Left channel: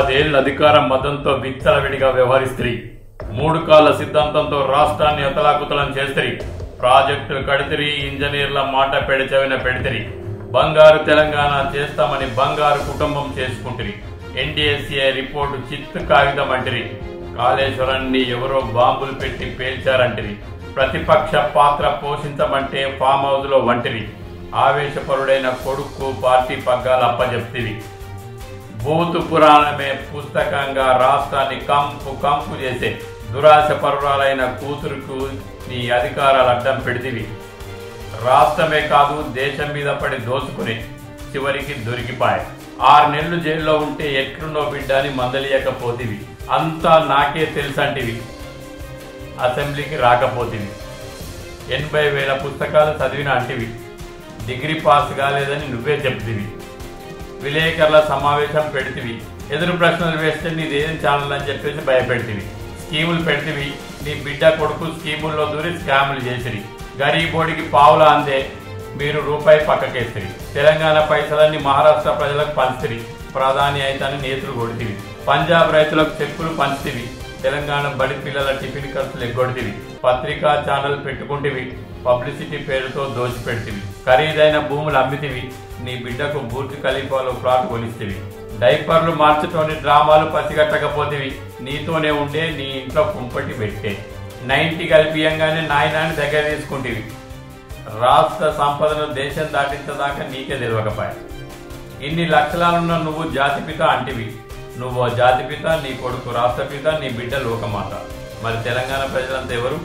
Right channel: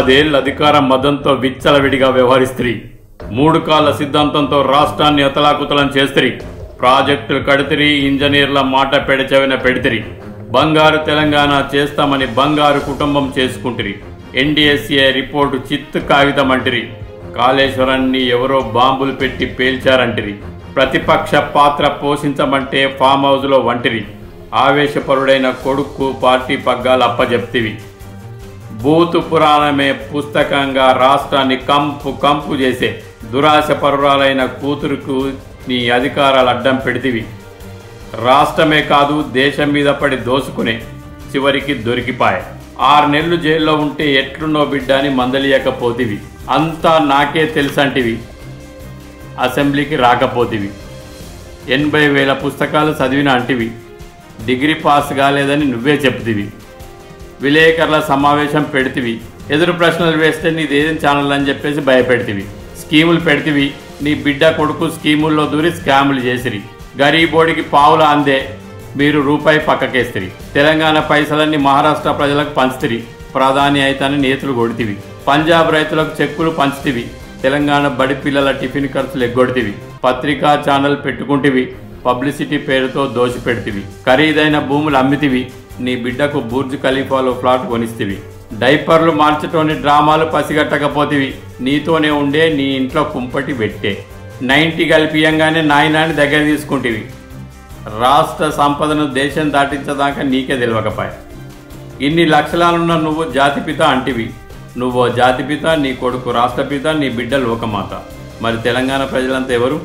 10 ఏళ్ల అధికార మదంతో విచ్చలవిడిగా వ్యవహరిస్త్రీ. 3 కాళ్ల సిద్ధాంతంతో రాష్ట్రాన్ని అతలాకుతలం చేస్త్రీ. ప్రాజెక్టులు కడితిరి, ఇంజనీర్ల మాట పెడచెవిన పెడితిరి. బంగారు తెలంగాణ చేస్తామని బంగారు కుటుంబం చేసుకుంటిరి. NDSA రిపోర్టు చిత్తు కాగితమంటిరి. కాళేశ్వరాన్ని ఎవరో బాంబులు పెట్టి పేల్చారంటిరి. ప్రతిపక్ష పాత్ర పోషించమంటే ఫామ్ హౌస్లో వంటిరి. ఆవేశపరుడైన కొడుకు పార్టీ పగ్గాలు అప్పజెప్తివి. భూతు పురాణమే పుస్తకంగా రాష్ట్రాన్ని కంపు కంపు చేసే దురాశపరురాలైన కూతురుకు నీ అధికారాలు అడ్డం పెడితివి. రాష్ట్రమే కాదు దేశం మీద పడి దోసుకునే చివరికి దొరికిపాయే. 6 నెలలు జైల్లో ఉంటే ఎట్లున్నో బిడ్డ అని మందలియకపోతివి. అంతా నాకే తెలుసంటివి. అసెంబ్లీకి రాకపోతివి. 80,000 పుస్తకాలు చదివిన అంటివి. డిగ్రీ పాస్ కాలేదని నువ్వే చెప్తివి. విలేకరుల సమావేశం పెడితివి. ఎదురు ప్రశ్నలు వేస్తే నీదేదేం ఛానల్ అని చెప్పేసి భయపెడితివి. స్కీములు పెడితివి. నీ బిడ్డ కొడుకు స్కీముల్లో దూరి స్కాములు చేసిరి. గరీబోడికి పావుల అందే మీరు రూపాయి పక్కకేస్తిరి. తెలంగాణ పైసలన్నీ మహారాష్ట్ర ప్రజలకు పంచుతిరి. ప్రధాని అయితేనే నేతలు కొడితివి. పంజాబ్ రైతులకు చెక్కులు పంచుతివి. తెలంగాణ బడి పిల్లల టిఫిన్ ఖర్చులు ఎగ్గొడితివి. పత్రికా ఛానల్ పెట్టుకుంటివి. పబ్లిసిటీ పేరుతో దోచిపెడితివి. ఖరీదైన భూములు అమ్మితివి. నీ బిడ్డకు బుర్జ్ ఖలీఫాలో ఫ్లాట్ కొనిస్తివి. డైపర్లు మార్చటోని డ్రామాలు పసిగట్టకపోతివి. నీతోనే ఉండే నీ ఇంట్లో కుంపటి పెట్టే 90 కలిపియంగానే నాయనాన్ని దగ్గర తీసుకుంటివి. రాష్ట్ర సంపదను దేశం దాటించదాకా నీకే తెలియకపాయ. ఇన్ని లక్షలాలున్న నువ్వు జాతిపిత అంటివి. నువ్వో జాతిపిత, నీ కొడుకు రాష్ట్రపిత, నీ బిడ్డ లోకమాత. మరి తెలంగాణ ప్రజలంతా ఎవరు?